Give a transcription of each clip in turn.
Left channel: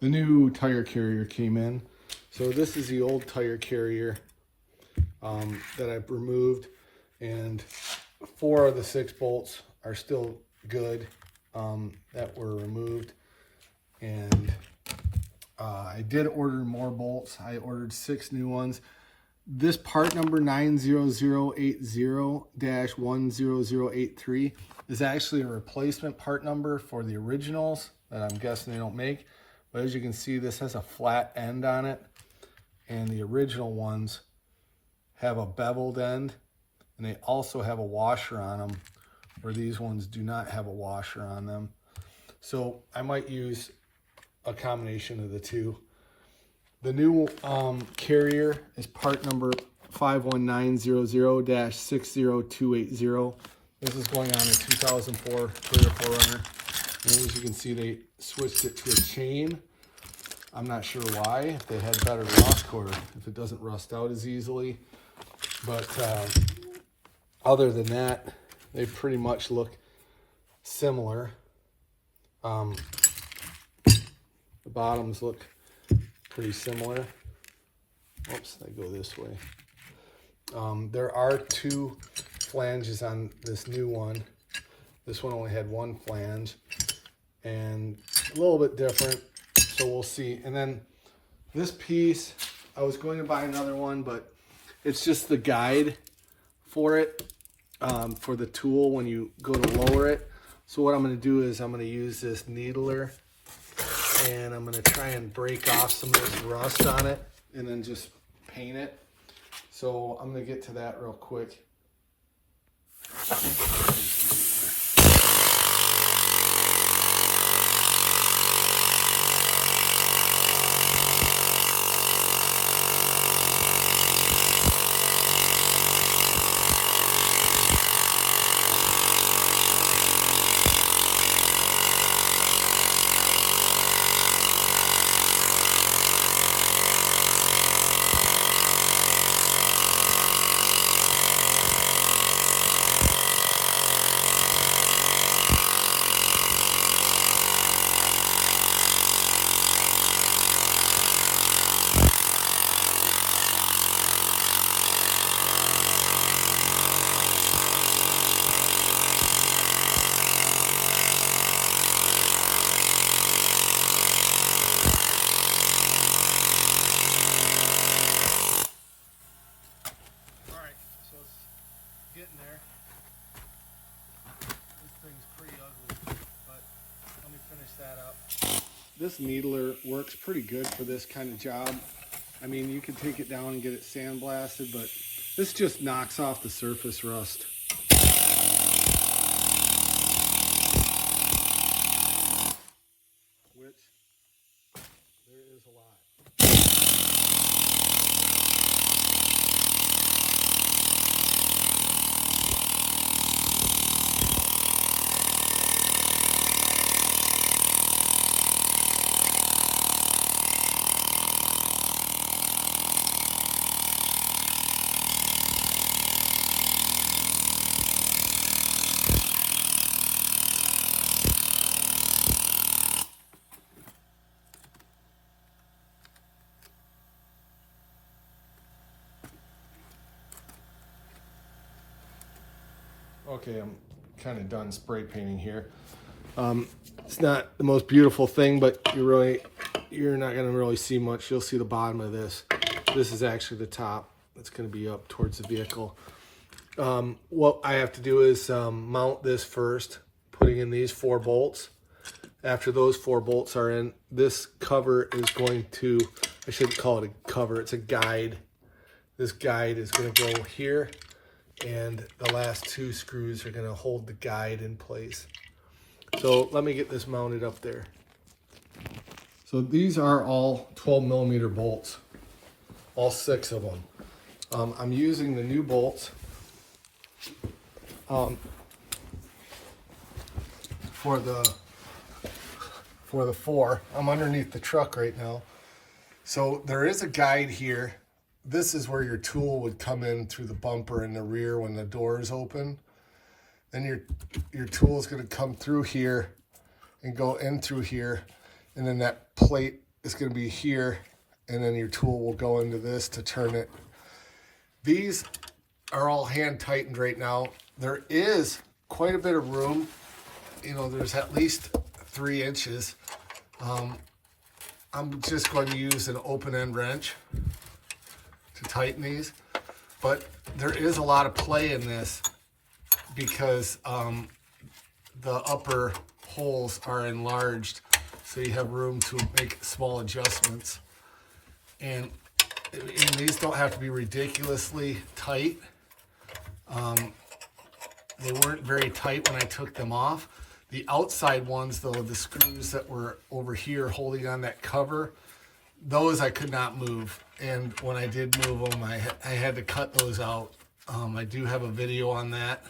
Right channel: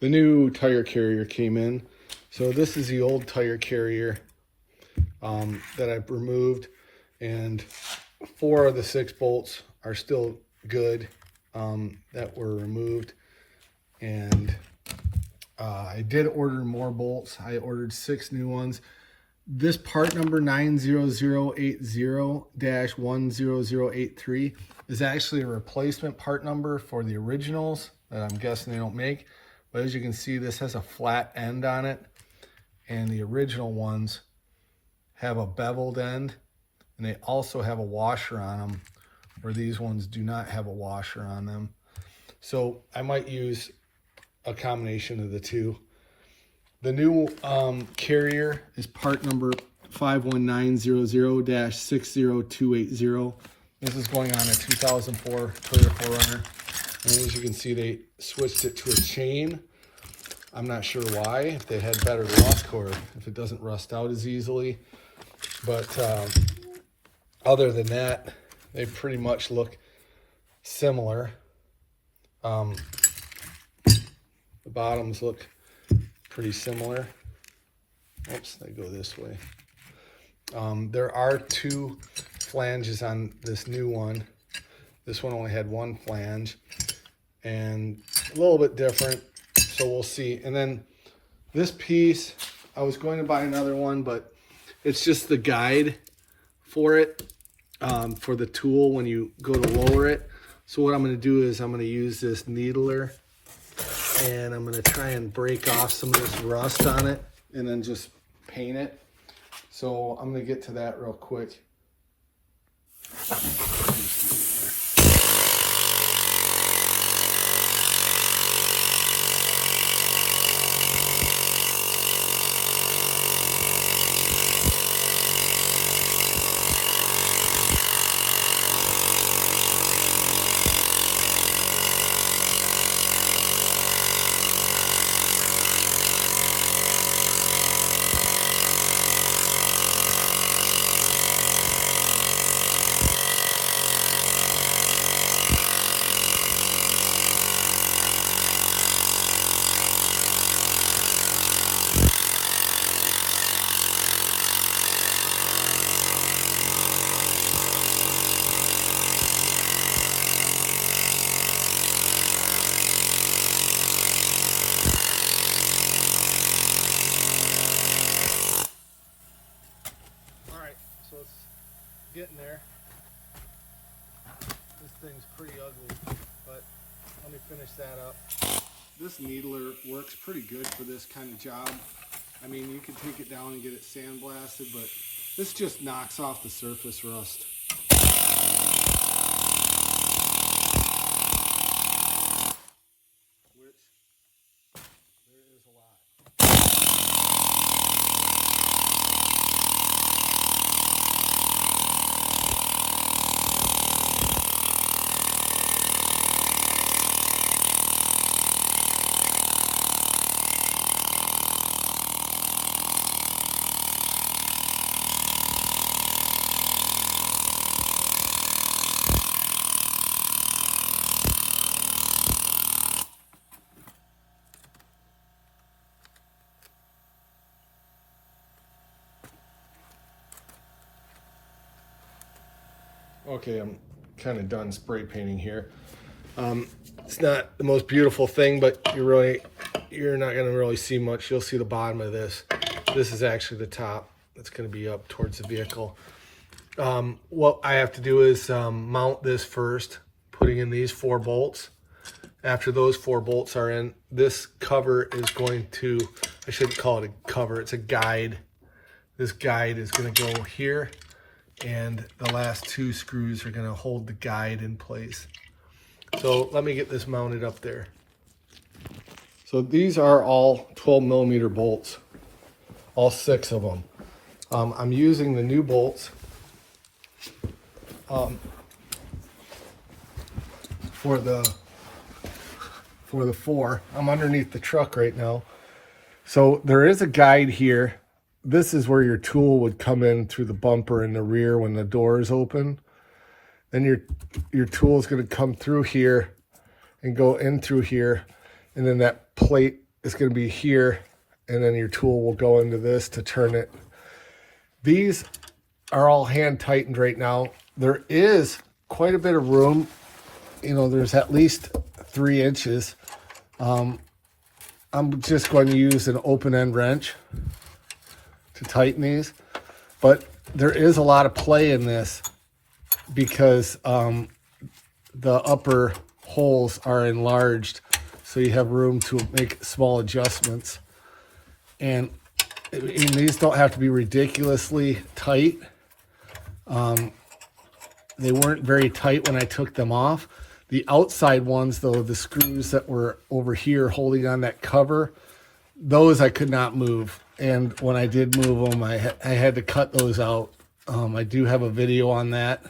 the new tire carrier came in. So this is the old tire carrier that I've removed, and 4 of the 6 bolts are still good that were removed. And I did order more bolts. I ordered 6 new ones. This part number 90080-10083 is actually a replacement part number for the originals that I'm guessing they don't make. But as you can see, this has a flat end on it, and the original ones have a beveled end, and they also have a washer on them, where these ones do not have a washer on them. So I might use a combination of the two. The new carrier is part number 51900-60280. This is going on a 2004 Toyota 4Runner. And as you can see, they switched it to a chain. I'm not sure why, if they had better luck or if it doesn't rust out as easily. But other than that, they pretty much look similar. The bottoms look pretty similar. Oops, they go this way. There are 2 flanges on this new one. This one only had 1 flange, and a little bit different, so we'll see. And then this piece, I was going to buy another one, but it's just the guide for it, for the tool when you go to lower it. So what I'm going to do is I'm going to use this needler, and I'm going to try and break off some of this rust on it and then just paint it. So I'm going to get to that real quick. Getting there. This thing's pretty ugly, but let me finish that up. This needler works pretty good for this kind of job. I mean, you can take it down and get it sandblasted, but this just knocks off the surface rust. Which, there is a lot. Okay, I'm kind of done spray painting here. It's not the most beautiful thing, but you're not going to really see much. You'll see the bottom of this. This is actually the top. That's going to be up towards the vehicle. What I have to do is mount this first, putting in these 4 bolts. After those 4 bolts are in, this cover is going to, I shouldn't call it a cover, it's a guide. This guide is going to go here, and the last 2 screws are going to hold the guide in place. So let me get this mounted up there. So these are all 12mm bolts, all 6 of them. I'm using the new bolts for the 4. I'm underneath the truck right now. So there is a guide here. This is where your tool would come in through the bumper in the rear when the door is open. Then your tool is going to come through here and go in through here, and then that plate is going to be here, and then your tool will go into this to turn it. These are all hand tightened right now. There is quite a bit of room. You know, there's at least 3 inches. I'm just going to use an open end wrench to tighten these, but there is a lot of play in this because the upper holes are enlarged, so you have room to make small adjustments. And these don't have to be ridiculously tight. They weren't very tight when I took them off. The outside ones, though, the screws that were over here holding on that cover, those I could not move. And when I did move them, I had to cut those out. I do have a video on that.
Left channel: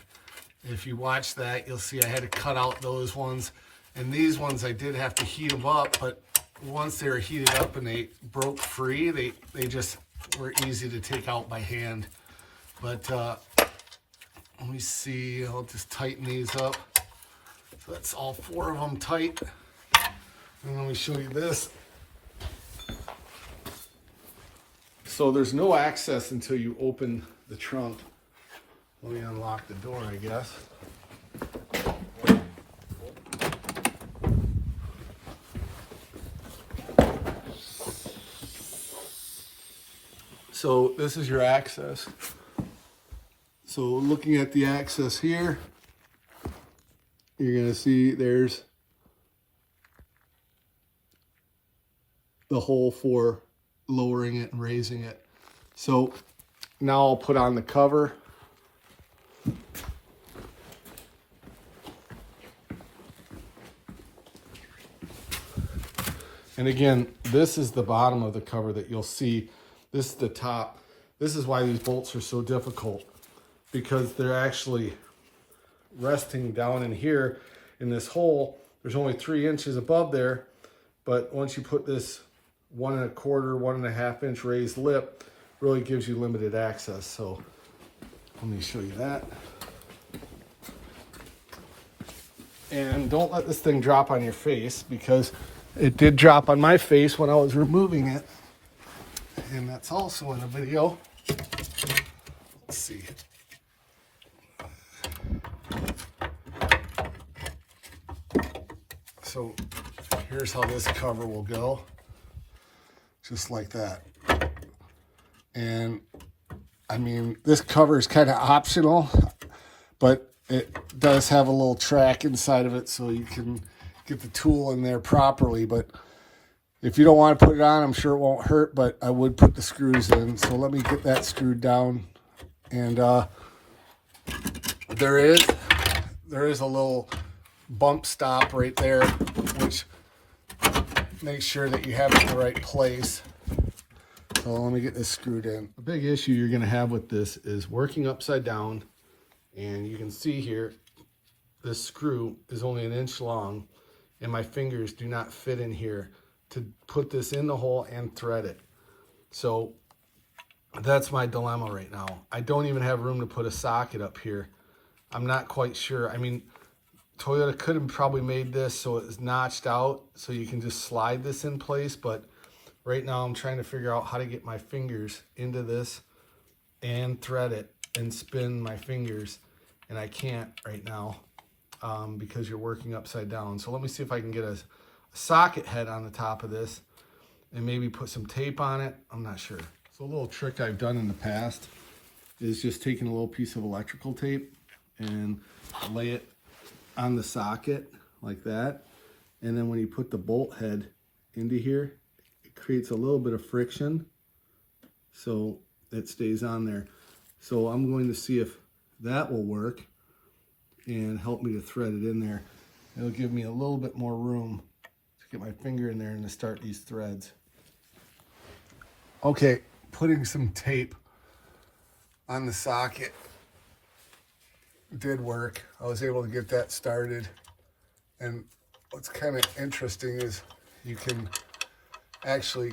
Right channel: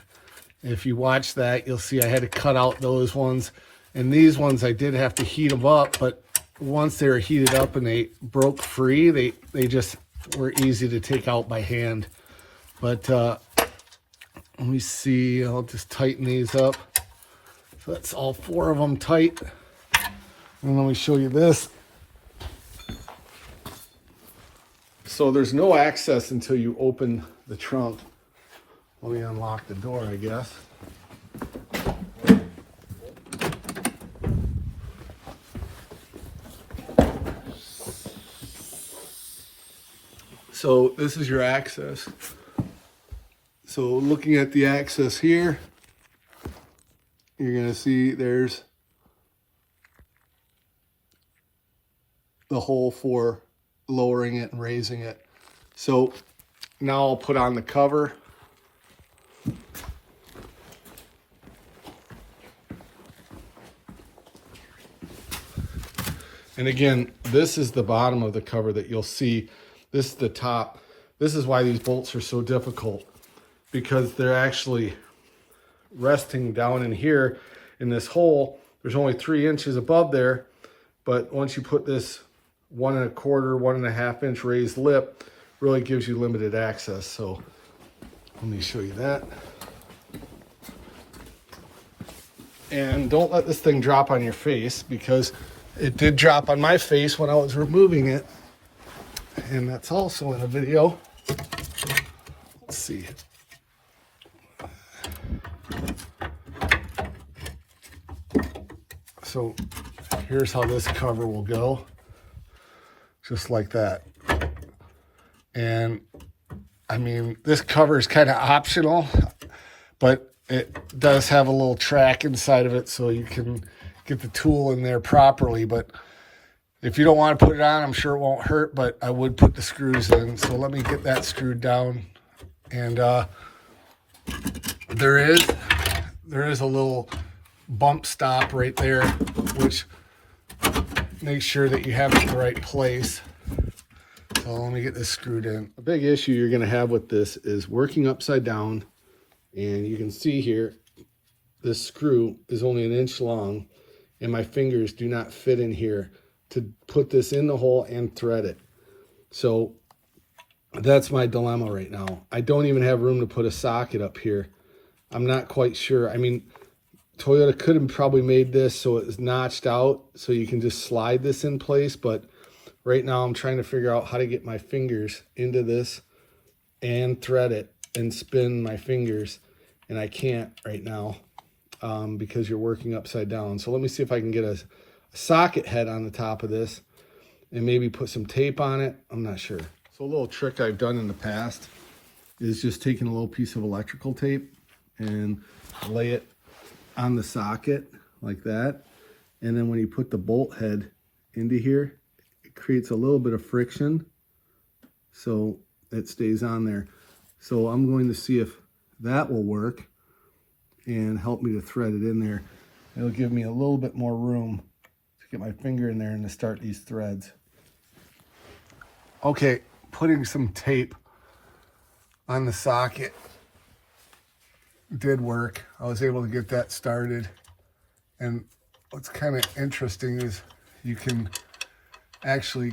If you watch that, you'll see I had to cut out those ones. And these ones, I did have to heat them up, but once they were heated up and they broke free, they just were easy to take out by hand. But let me see, I'll just tighten these up. So that's all 4 of them tight. And let me show you this. So there's no access until you open the trunk. Let me unlock the door, I guess. So this is your access. So looking at the access here, you're going to see there's the hole for lowering it and raising it. So now I'll put on the cover. And again, this is the bottom of the cover that you'll see. This is the top. This is why these bolts are so difficult, because they're actually resting down in here in this hole. There's only 3 inches above there, but once you put this 1 1/4, 1.5 inch raised lip, really gives you limited access. So let me show you that. And don't let this thing drop on your face, because it did drop on my face when I was removing it. And that's also in a video. Let's see. So here's how this cover will go. Just like that. And I mean, this cover is kind of optional, but it does have a little track inside of it so you can get the tool in there properly. But if you don't want to put it on, I'm sure it won't hurt, but I would put the screws in. So let me get that screwed down. And there is a little bump stop right there, which makes sure that you have it in the right place. So let me get this screwed in. A big issue you're going to have with this is working upside down. And you can see here, this screw is only 1 inch long, and my fingers do not fit in here to put this in the hole and thread it. So that's my dilemma right now. I don't even have room to put a socket up here. I'm not quite sure. I mean, Toyota could have probably made this so it's notched out so you can just slide this in place, but right now I'm trying to figure out how to get my fingers into this and thread it and spin my fingers, and I can't right now because you're working upside down. So let me see if I can get a socket head on the top of this and maybe put some tape on it. I'm not sure. So a little trick I've done in the past is just taking a little piece of electrical tape and lay it on the socket like that. And then when you put the bolt head into here, it creates a little bit of friction so it stays on there. So I'm going to see if that will work and help me to thread it in there. It'll give me a little bit more room to get my finger in there and to start these threads. Okay, putting some tape on the socket did work. I was able to get that started. And what's kind of interesting is you can actually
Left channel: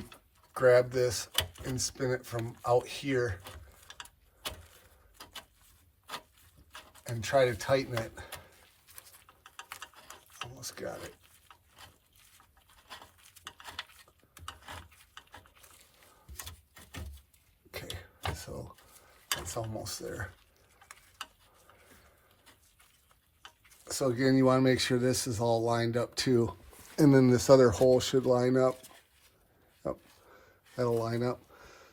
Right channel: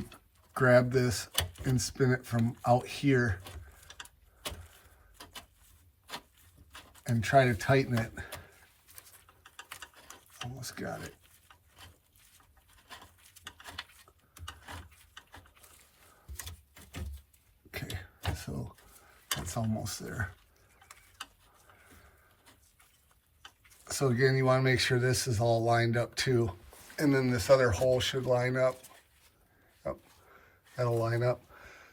grab this and spin it from out here and try to tighten it. Almost got it. so that's almost there. So again, you want to make sure this is all lined up too. And then this other hole should line up. Yep, that'll line up.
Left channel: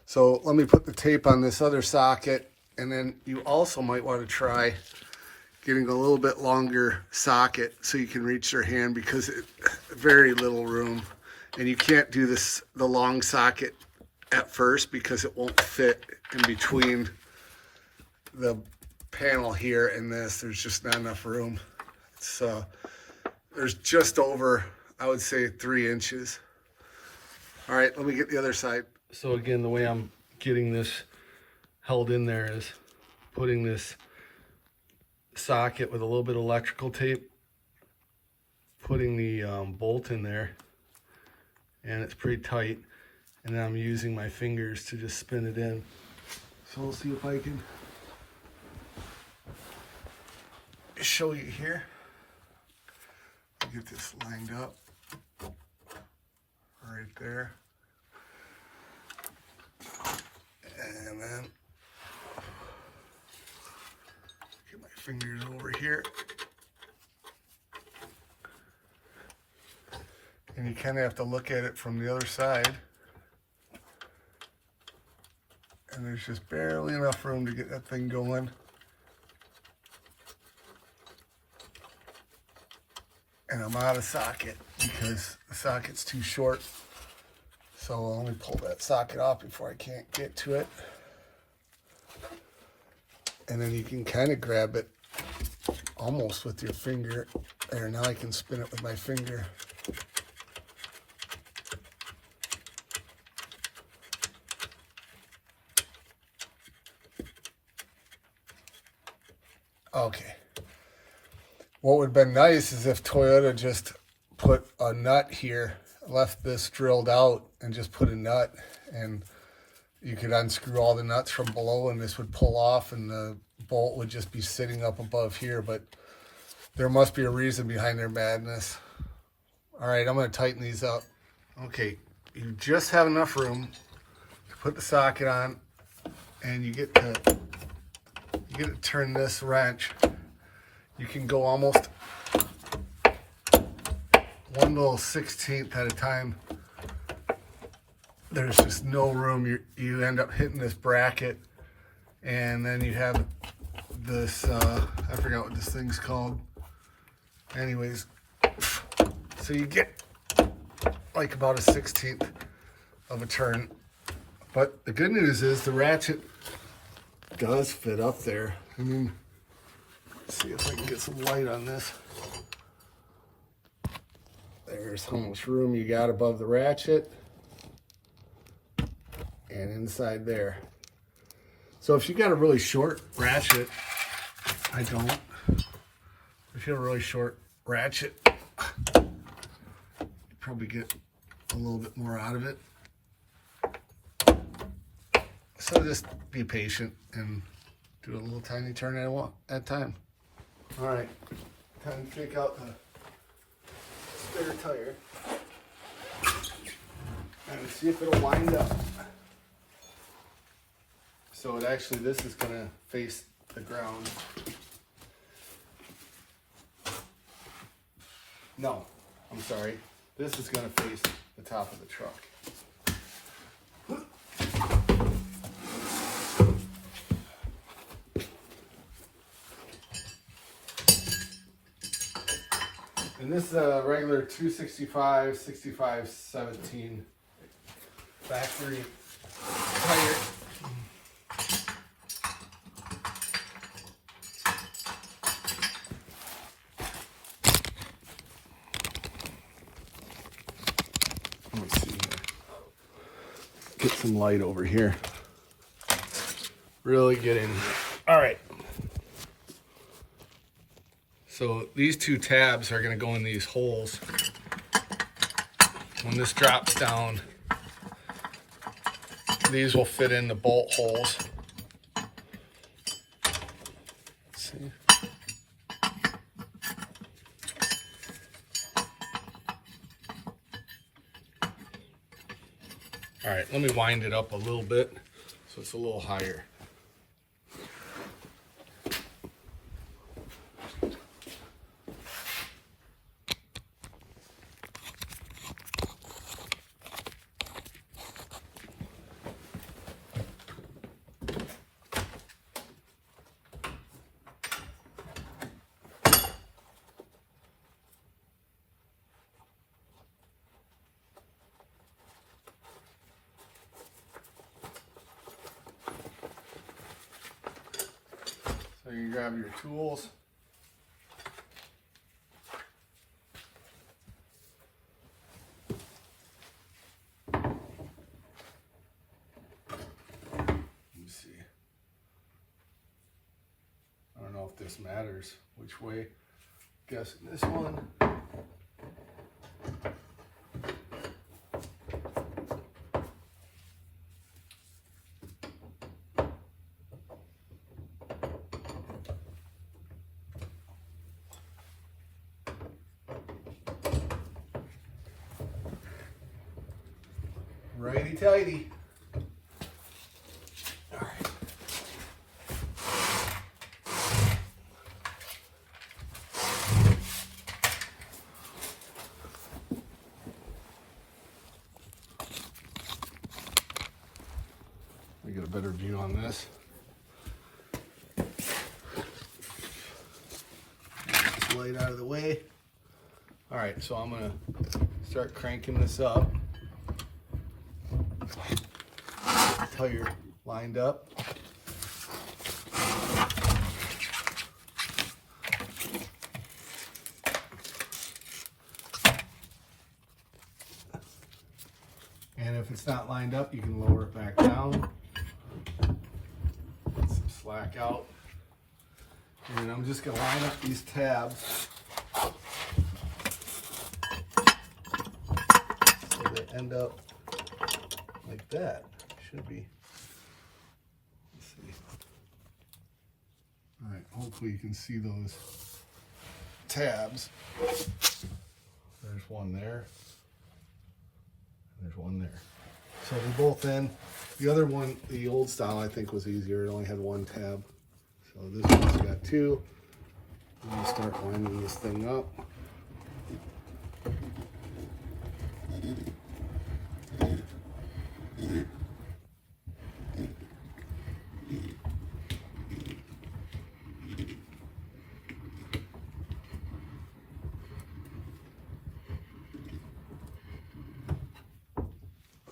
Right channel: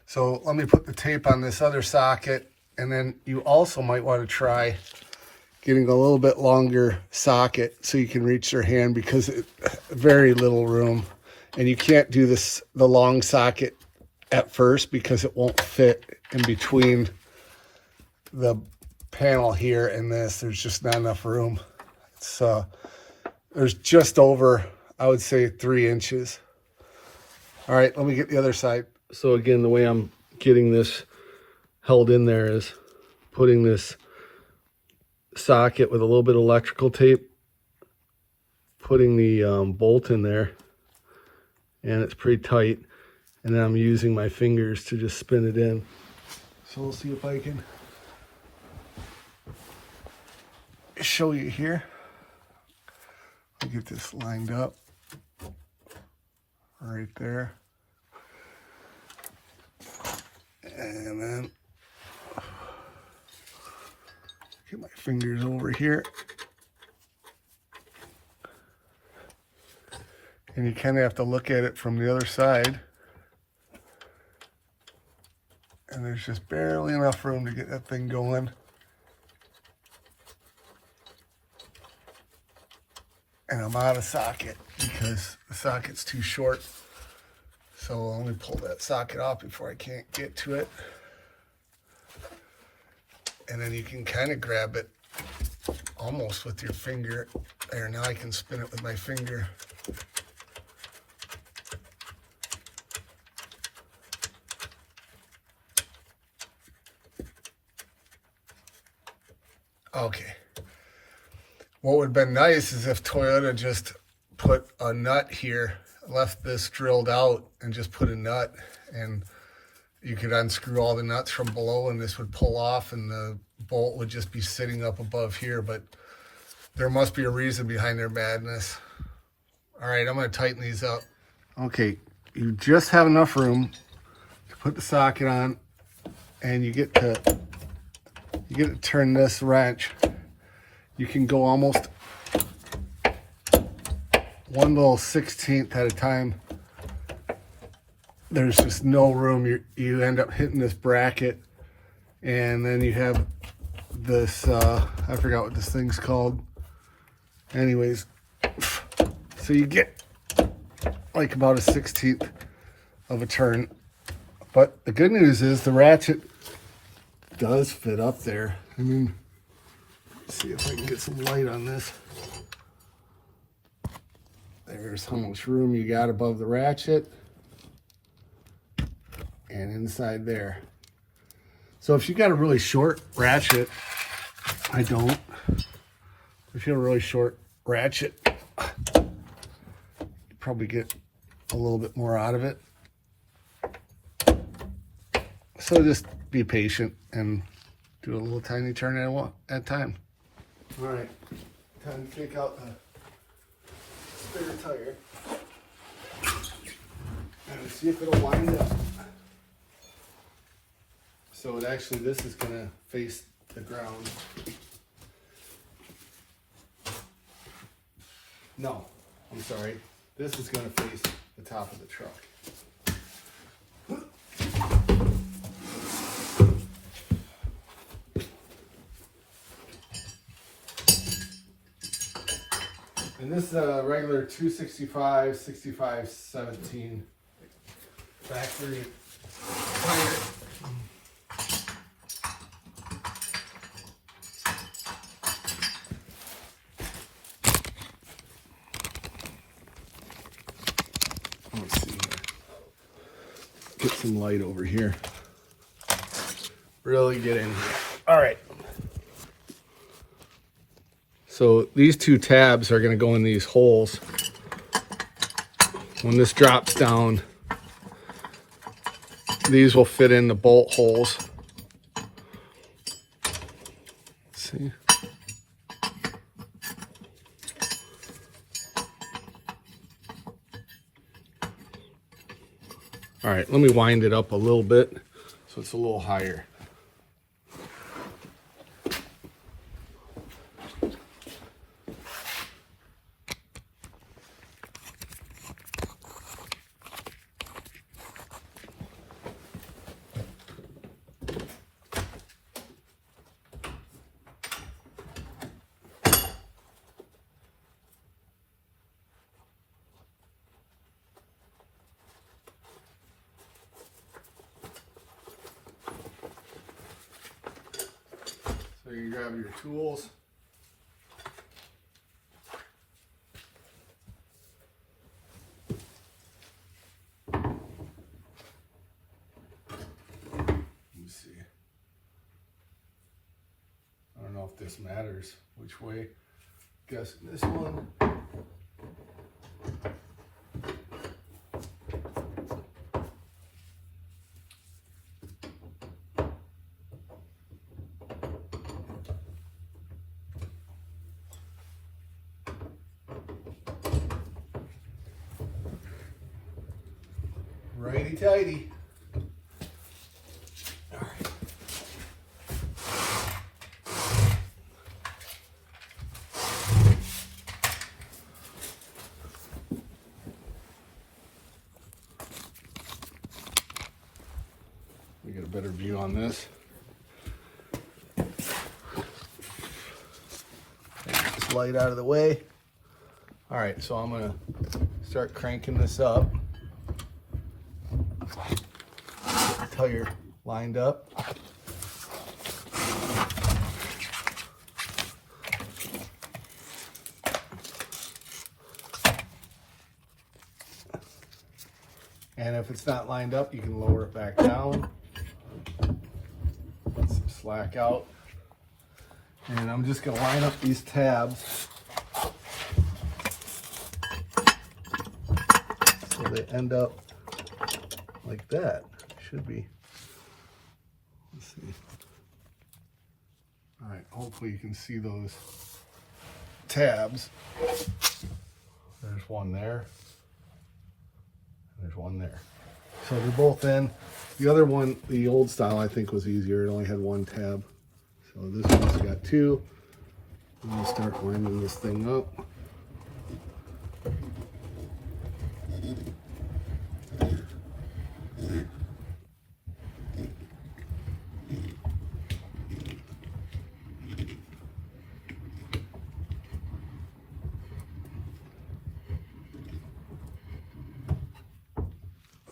So let me put the tape on this other socket, and then you also might want to try getting a little bit longer socket so you can reach your hand, because it very little room. And you can't do this, the long socket at first, because it won't fit in between the panel here and this. There's just not enough room. It's there's just over, I would say, 3 inches. All right, let me get the other side. So again, the way I'm getting this held in there is putting this socket with a little bit of electrical tape, putting the bolt in there, and it's pretty tight, and then I'm using my fingers to just spin it in. So we'll see if I can show you here. I'll get this lined up right there, and then get my fingers over here, and you kind of have to look at it from the other side, and there's just barely enough room to get that thing going. And I'm out of socket because the socket's too short. So let me pull that socket off before I can't get to it. And then you can kind of grab it almost with your finger. There, now I can spin it with my finger. Okay. What would have been nice is if Toyota just put a nut here, left this drilled out, and just put a nut, and you could unscrew all the nuts from below, and this would pull off, and the bolt would just be sitting up above here. But there must be a reason behind their madness. All right, I'm going to tighten these up. Okay, you just have enough room to put the socket on, and you get to turn this wrench. You can go almost 1/16 at a time. There's just no room. You end up hitting this bracket, and then you have this, I forgot what this thing's called. Anyways, so you get like about a 1/16 of a turn. But the good news is the ratchet does fit up there. I mean, let's see if I can get some light on this. There's how much room you got above the ratchet and inside there. So if you got a really short ratchet, I don't. If you have a really short ratchet, you probably get a little bit more out of it. So just be patient and do a little tiny turn at a time. All right, time to take out the spare tire and see if it'll wind up. So this is gonna face the ground. No, I'm sorry. This is gonna face the top of the truck. And this is a regular 265, 65, 17 factory tire. Let's see here. Get some light over here. Really get in. All right. So these two tabs are going to go in these holes. When this drops down, these will fit in the bolt holes. Let's see. All right, let me wind it up a little bit so it's a little higher. So you grab your tools. Let me see. I don't know if this matters which way. Guess this one. Righty tighty. All right. We get a better view on this. Light out of the way. All right, so I'm gonna start cranking this up until you're lined up. And if it's not lined up, you can lower it back down. Let some slack out. And I'm just gonna line up these tabs so they end up like that. Should be. Let's see. All right, hopefully you can see those tabs. There's one there. There's one there. So they're both in. The other one, the old style, I think was easier. It only had one tab. So this one's got two. I'm gonna start lining this thing up.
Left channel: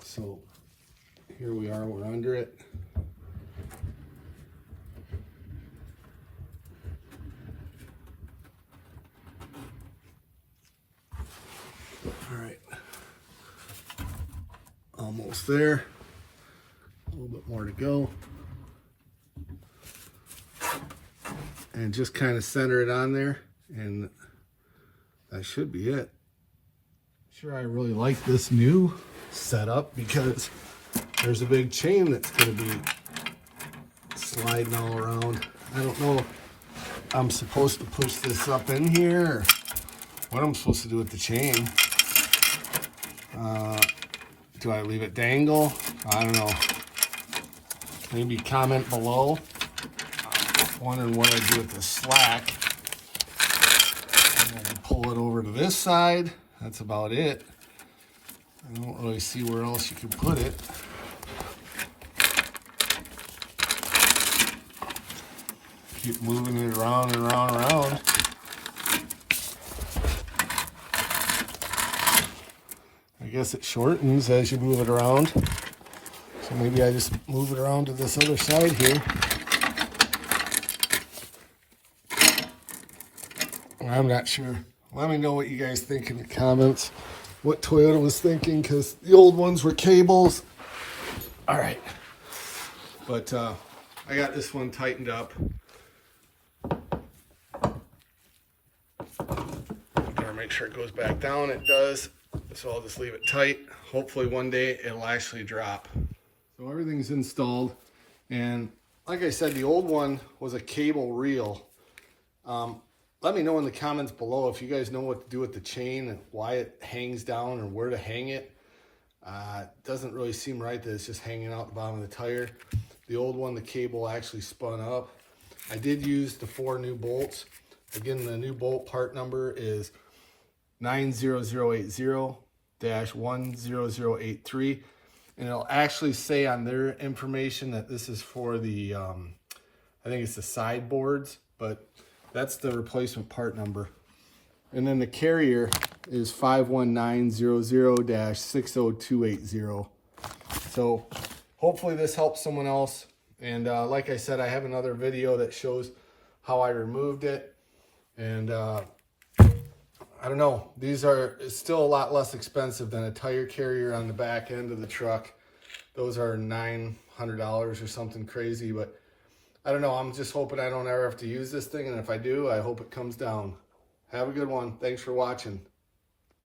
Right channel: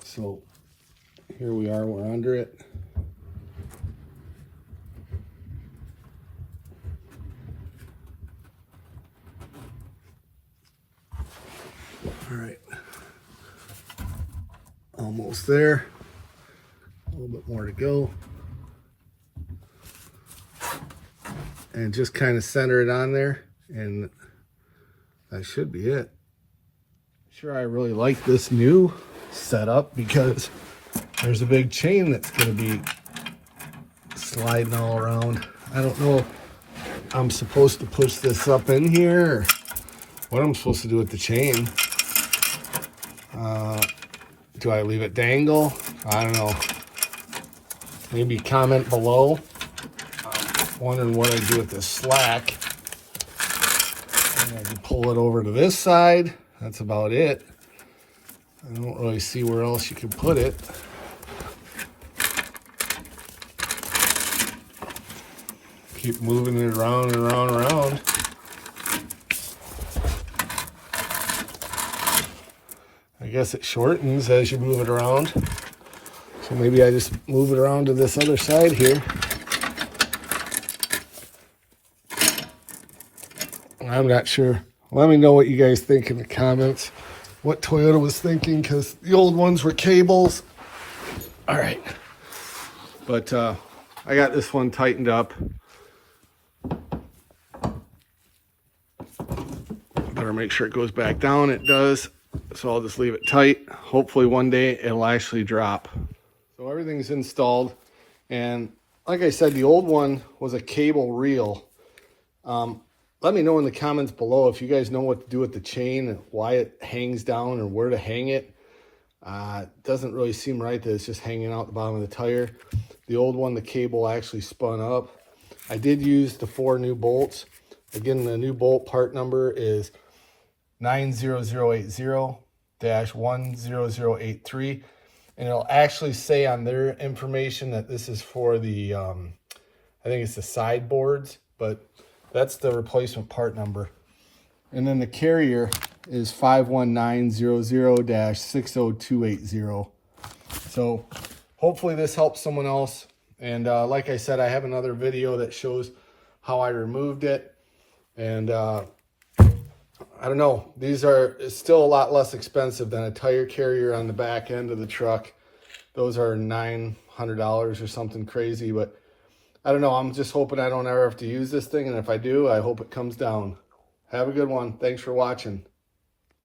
So here we are, we're under it. All right, almost there, a little bit more to go. And just kind of center it on there, and that should be it. Sure, I really like this new setup because there's a big chain that's going to be sliding all around. I don't know if I'm supposed to push this up in here or what I'm supposed to do with the chain. Do I leave it dangle? I don't know. Maybe comment below. I'm wondering what I do with this slack. And I can pull it over to this side. That's about it. I don't really see where else you could put it. Keep moving it around and around and around. I guess it shortens as you move it around. So maybe I just move it around to this other side here. I'm not sure. Let me know what you guys think in the comments. What Toyota was thinking, because the old ones were cables. All right. But I got this one tightened up. Better make sure it goes back down. It does. So I'll just leave it tight. Hopefully one day it'll actually drop. So everything's installed. And like I said, the old one was a cable reel. Let me know in the comments below if you guys know what to do with the chain and why it hangs down or where to hang it. It doesn't really seem right that it's just hanging out the bottom of the tire. The old one, the cable actually spun up. I did use the 4 new bolts. Again, the new bolt part number is 90080-10083. And it'll actually say on their information that this is for the, I think it's the sideboards, but that's the replacement part number. And then the carrier is 51900-60280. So hopefully this helps someone else. And like I said, I have another video that shows how I removed it. And I don't know, these are still a lot less expensive than a tire carrier on the back end of the truck. Those are $900 or something crazy, but I don't know. I'm just hoping I don't ever have to use this thing. And if I do, I hope it comes down. Have a good one. Thanks for watching.